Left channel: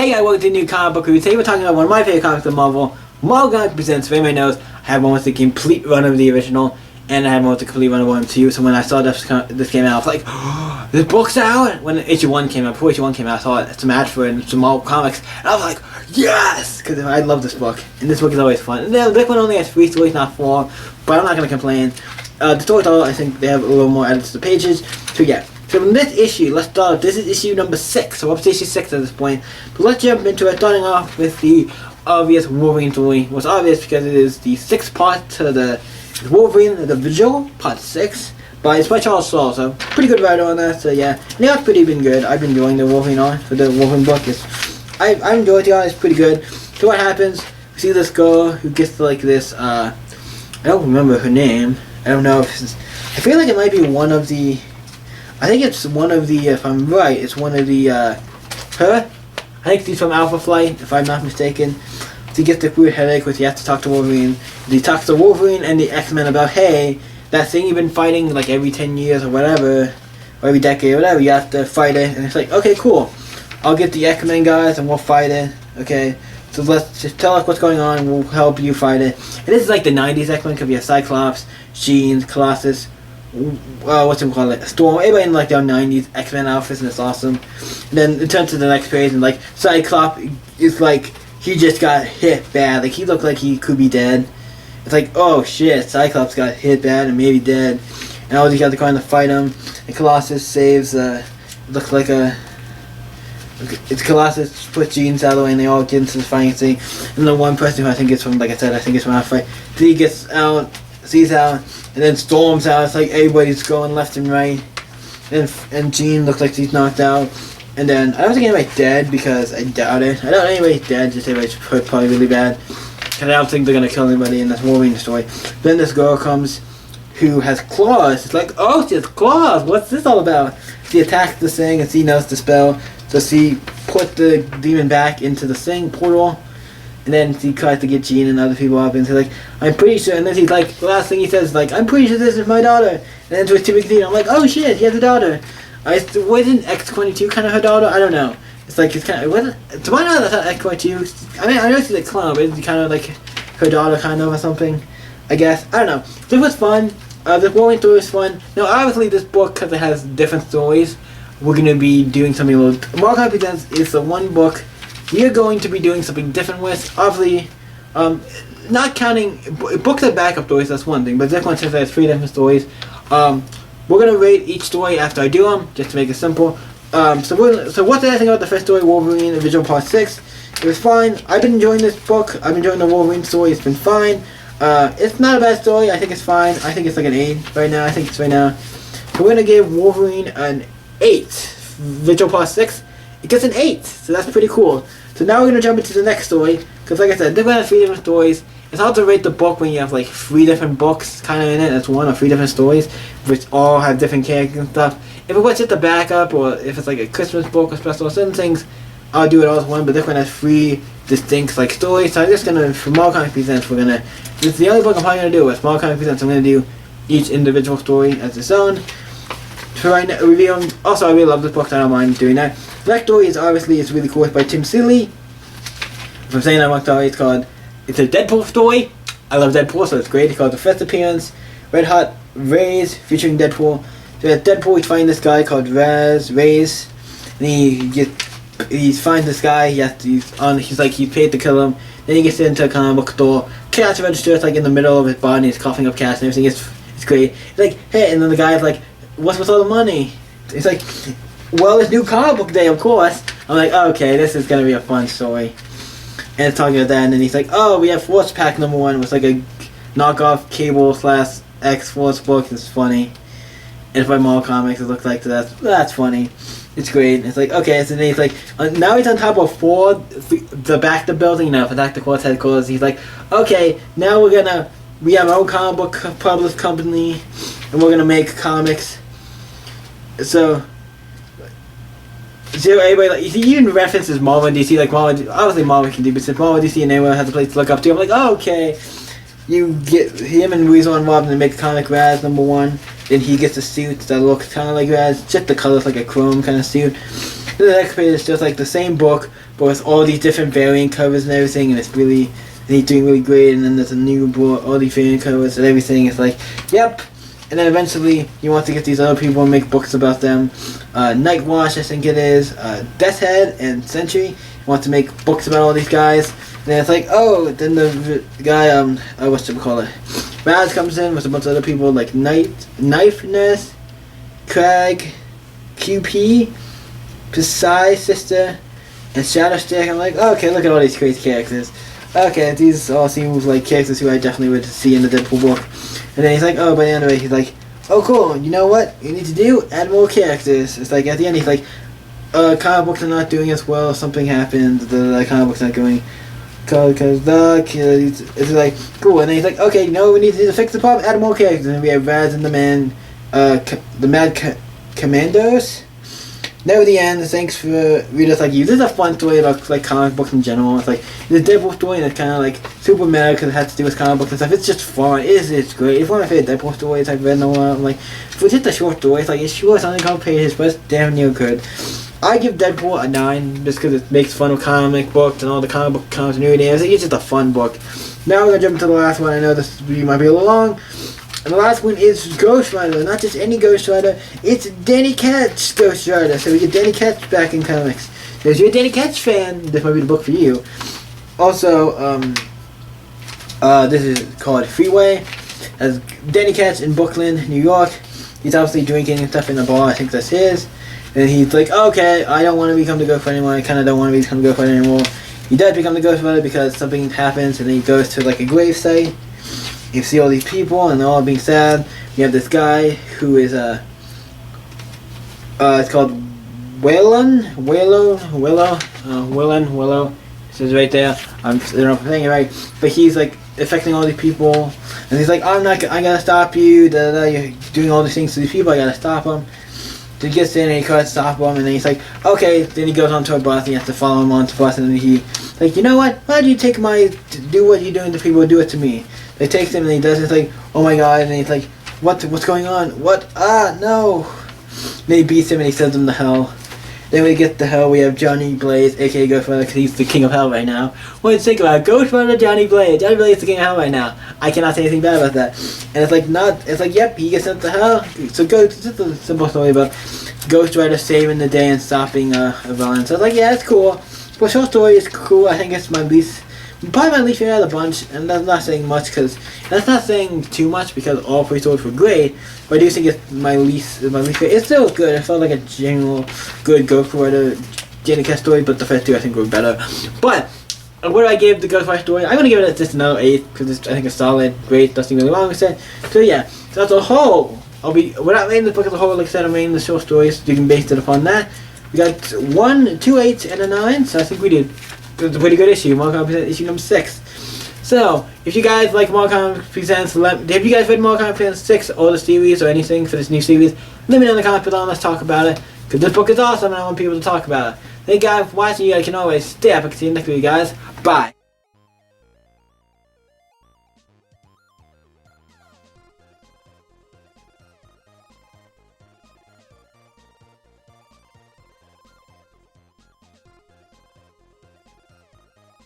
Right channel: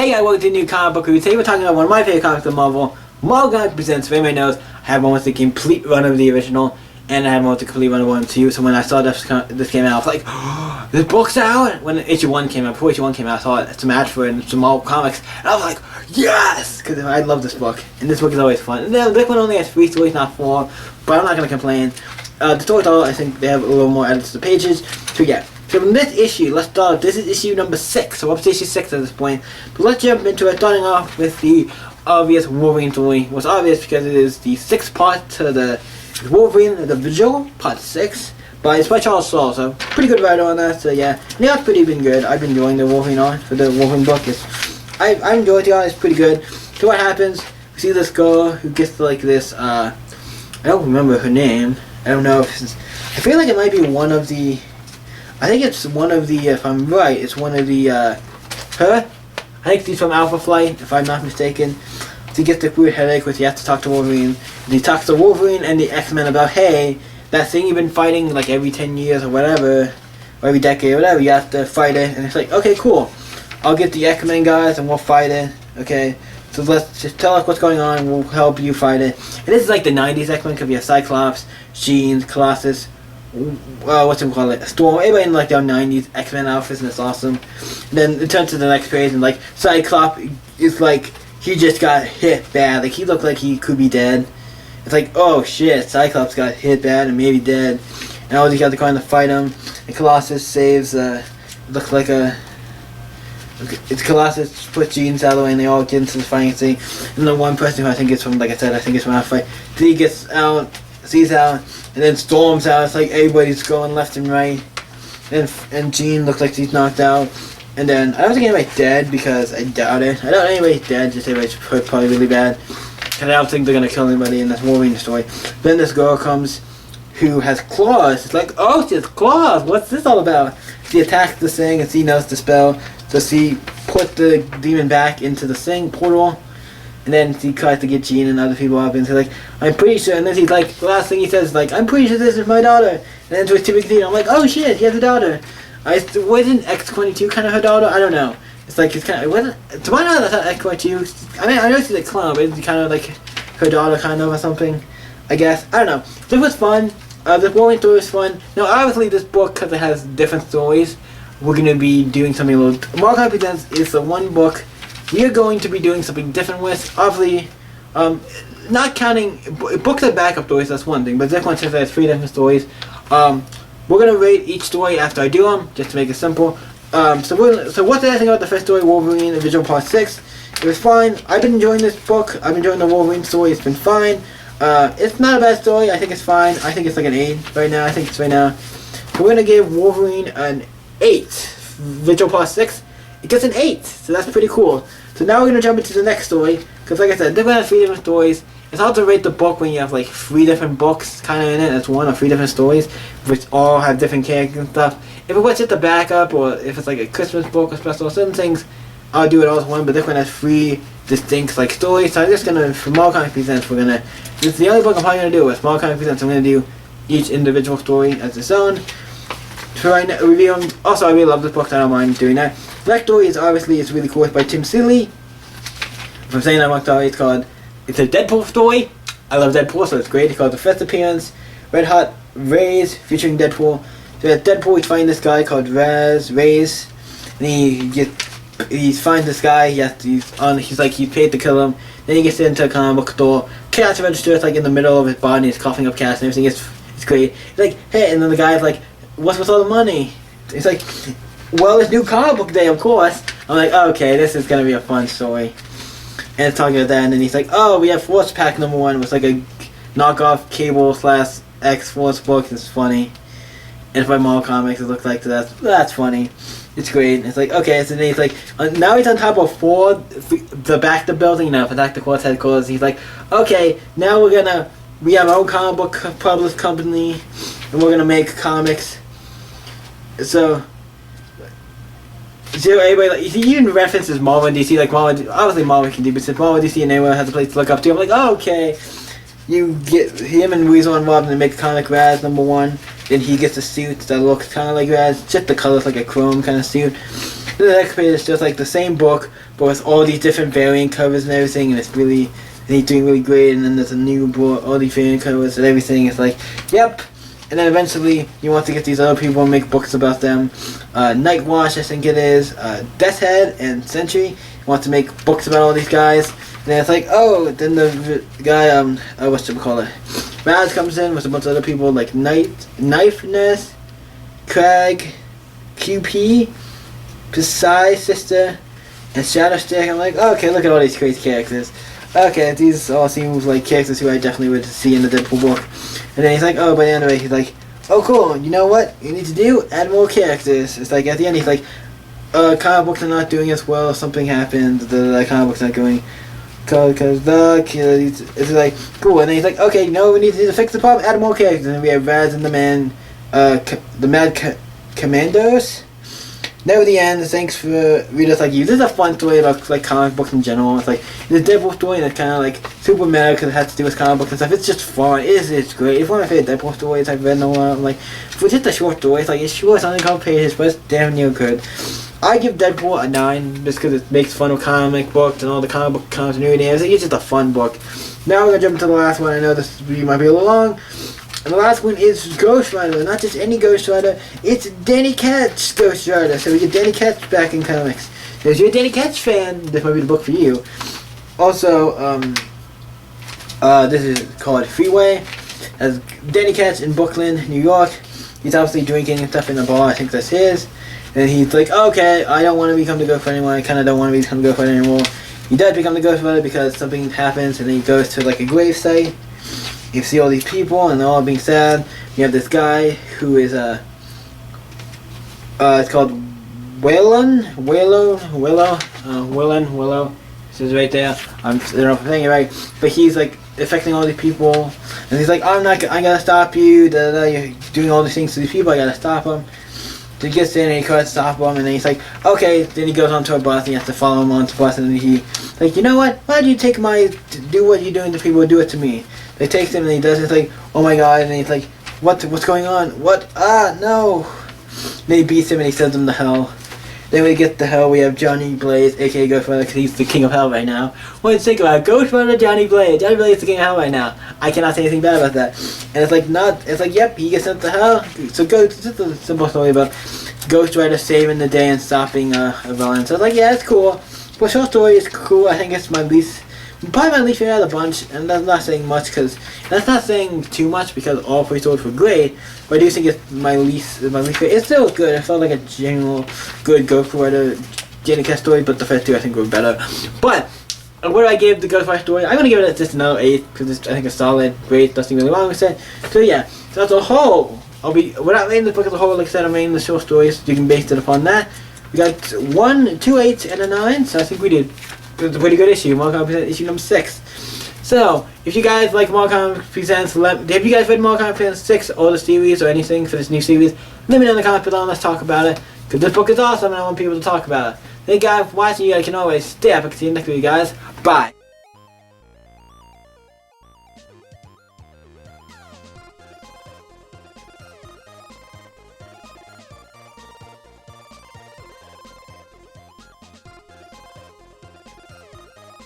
Hey guys, welcome to the new comic book review. Today we're talking about one of my favorite comics of Marvel. Marvel Comics Presents. If anybody knows, I had one with the complete run of the original, and I had one with the complete run of 1 and 2. So when I saw this came out, I was like, oh, this book's out! When issue 1 came out, before issue 1 came out, I saw it's a match for it in some Marvel Comics, and I was like, yes! Because I love this book, and this book is always fun. And this one only has 3 stories, not 4, but I'm not going to complain. The stories, I think they have a little more edits to the pages. So yeah. So in this issue, let's start. This is issue number 6, so up to issue 6 at this point. But let's jump into it, starting off with the obvious Wolverine story. Well, it's obvious because it is the 6th part to the Wolverine, the Vigil, part 6. But it's by Charles Soule, so pretty good writer on that. So yeah, and the art's pretty been good. I've been enjoying the Wolverine art for the Wolverine book. I enjoyed the art. It's pretty good. So what happens? We see this girl who gets like this. I don't remember her name. I don't know if it's, I feel like it might be one of the. I think it's one of the, if I'm right, it's one of the, her? I think she's from Alpha Flight, if I'm not mistaken. She gets the weird headache where she has to talk to Wolverine. He talks to Wolverine and the X-Men about, hey, that thing you've been fighting like every 10 years or whatever, or every decade or whatever, you have to fight it. And it's like, okay, cool. I'll get the X-Men guys and we'll fight it, okay? So let's just tell us what's going on, we'll help you fight it. And this is like the 90s X-Men, because we have Cyclops, Jean, Colossus, what's it called? Storm. Everybody in like their 90s X-Men outfits, and it's awesome. And then it turns to the next page, and like Cyclops is like he just got hit bad. Like he looked like he could be dead. It's like, oh shit, Cyclops got hit bad and maybe dead. And all these guys are going to fight him. And Colossus saves. It looks like a. It's Colossus puts Jeans out of the way, and they all get into the fighting scene. And the one person who I think is from, like I said, I think it's from Alpha Fight. He gets out. Sees out, and then Storm's out. It's like everybody's going left and right. And Jean looks like she's knocked out. And then, I don't think anybody's dead, because I doubt it. I doubt anybody's dead, just everybody's hurt probably really bad. Because I don't think they're going to kill anybody in this Wolverine story. Then this girl comes, who has claws. It's like, oh, she has claws! What's this all about? She attacks the thing, and she knows the spell. So she put the demon back into the thing, portal. And then he tries to get Jean and other people up, and he's like, I'm pretty sure, and then he's like, the last thing he says is like, I'm pretty sure this is my daughter. And then to a typical thing, I'm like, oh shit, he has a daughter. Wasn't X-22 kind of her daughter? I don't know. It's like, it's kind of, to my knowledge, I thought X-22, I mean, I know she's a clone, but it's kind of like her daughter kind of or something, I guess. I don't know. This was fun. The Wolverine story was fun. Now, obviously, this book, because it has different stories, we're going to be doing something a little, Marvel Comics Presents is the one book we are going to be doing something different with. Obviously, not counting books that backup stories, that's one thing, but this one says there's 3 different stories. We're going to rate each story after I do them, just to make it simple. So what did I think about the first story, Wolverine, the Vigil Part 6? It was fine. I've been enjoying this book. I've been enjoying the Wolverine story. It's been fine. It's not a bad story. I think it's fine. I think it's like an 8 right now. I think it's right now. So we're going to give Wolverine an 8. Vigil Part 6. It gets an 8, so that's pretty cool. So now we're going to jump into the next story, because like I said, they're going to have 3 different stories. It's hard to rate the book when you have like 3 different books kind of in it. That's 1 or 3 different stories, which all have different characters and stuff. If it was just a backup, or if it's like a Christmas book or special, certain things, I'll do it all as one, but this one has 3 distinct like stories. So I'm just going to, for Marvel Comics Presents, we're going to, this is the only book I'm probably going to do with Marvel Comics Presents. I'm going to do each individual story as its own. So right now, reviewing, also I really love this book, so I don't mind doing that. The next story is obviously, it's really cool. It's by Tim Seeley. If I'm saying that wrong, sorry. It's a Deadpool story. I love Deadpool, so it's great. It's called The First Appearance, Red Hot Rays, featuring Deadpool. So at Deadpool, he's finding this guy called Rays, and he finds this guy. He's paid to kill him. Then he gets into a comic book store. Cash register is like in the middle of his body. He's coughing up cash and everything. It's great. He's like, hey, and then the guy's like, what's with all the money? It's like, well, it's new comic book day, of course. I'm like, okay, this is gonna be a fun story. And it's talking about that, and then he's like, oh, we have Force Pack number 1. It was like a knockoff Cable / X-Force book. It's funny. And it's by Marvel Comics. It looks like that's funny. It's great. It's like, okay, so then he's like, now he's on top of the back of the building, Attack the Corps headquarters. He's like, okay, now we have our own comic book published company, and we're gonna make comics. So everybody, like, you even references Marvel and DC, like Marvel, obviously Marvel can do, but since Marvel, DC, and everyone has a place to look up to, I'm like, oh, okay. You get him and Weasel involved and they make comic Raz #1. Then he gets a suit that looks kind of like Raz, just the color's like a chrome kind of suit. Then the next page is just like the same book, but with all these different variant covers and everything, and it's really, and he's doing really great. And then there's a new book, all these variant covers and everything. It's like, yep. And then eventually, you want to get these other people and make books about them. Nightwatch, I think it is, Death's Head, and Sentry. You want to make books about all these guys. And then it's like, oh, then the guy, Raz comes in with a bunch of other people like Knifeness, Crag, QP, Psy Sister, and Shadowstick. I'm like, oh, okay, look at all these crazy characters. Okay, these all seem like characters who I definitely would see in the Deadpool book. And then he's like, oh, by the end of it, he's like, oh, cool, you know what you need to do? Add more characters. It's like, at the end, he's like, comic books are not doing as well, something happened, the comic books not going, because it's like, cool, and then he's like, okay, you know what we need to do to fix the problem? Add more characters. And then we have Raz and the Mad Commandos. Now at the end, thanks for readers like you. This is a fun story about like comic books in general. It's like the Deadpool story, and it's kind of like super meta because it has to do with comic books and stuff. It's just fun. It's great. It's one of my favorite Deadpool stories I've read in a while. Like, for just a short story, it's like it's short, it's only a couple pages, but it's damn near good. I give Deadpool a 9 just because it makes fun of comic books and all the comic book continuity. It's just a fun book. Now we're gonna jump into the last one. I know this might be a little long. And the last one is Ghost Rider, not just any Ghost Rider, it's Danny Ketch Ghost Rider. So we get Danny Ketch back in comics. So if you're a Danny Ketch fan, this might be the book for you. Also, this is called Freeway. As Danny Ketch in Brooklyn, New York. He's obviously drinking and stuff in a bar, I think that's his. And he's like, okay, I don't want to become the Ghost Rider anymore, I kind of don't want to become the Ghost Rider anymore. He does become the Ghost Rider because something happens and then he goes to like a grave site. You see all these people and they're all being sad. You have this guy who is it's called Willow. It says right there. I don't know if I'm saying it right, but he's like affecting all these people, and he's like, I gotta stop you. You're doing all these things to these people. I gotta stop them. So he gets in and he tries to stop him, and then he's like, okay. Then he goes onto a bus and he has to follow him onto the bus, and then he like, you know what? Why do you take do what you're doing to people? Do it to me. They takes him and he does it. It's like, oh my god, and he's like, what's going on? What? Ah, no. Then he beats him and he sends him to hell. Then when he gets to hell, we have Johnny Blaze, aka Ghost Rider, because he's the king of hell right now. What do you think about Ghost Rider Johnny Blaze? Johnny Blaze is the king of hell right now. I cannot say anything bad about that. And it's like, yep, he gets sent to hell. So it's just a simple story about Ghost Rider saving the day and stopping a villain. So it's like, yeah, it's cool. But short story is cool. I think it's probably my least favorite out of the bunch, and that's not saying much that's not saying too much because all 3 stories were great. But I do think it's my least favorite. It's still good. It felt like a general good Ghost Rider Danny Ketch story, but the first 2 I think were better. But what do I give the Ghost Rider story? I'm gonna give it just another 8 because I think it's solid, great, nothing really wrong with it. So yeah, so as a whole, without rating the book as a whole, like I said, I'm rating the short stories. You can base it upon that. We got 2 8s and a 9, so I think we did. It's a pretty good issue. Marvel Comics issue number 6. So, if you guys like Marvel Comics Presents, have you guys read Marvel Comics Presents 6 or the series or anything for this new series? Let me know in the comments below and let's talk about it. Because this book is awesome and I want people to talk about it. Thank you guys for watching. You guys can always stay up. I can see you next week, guys. Bye.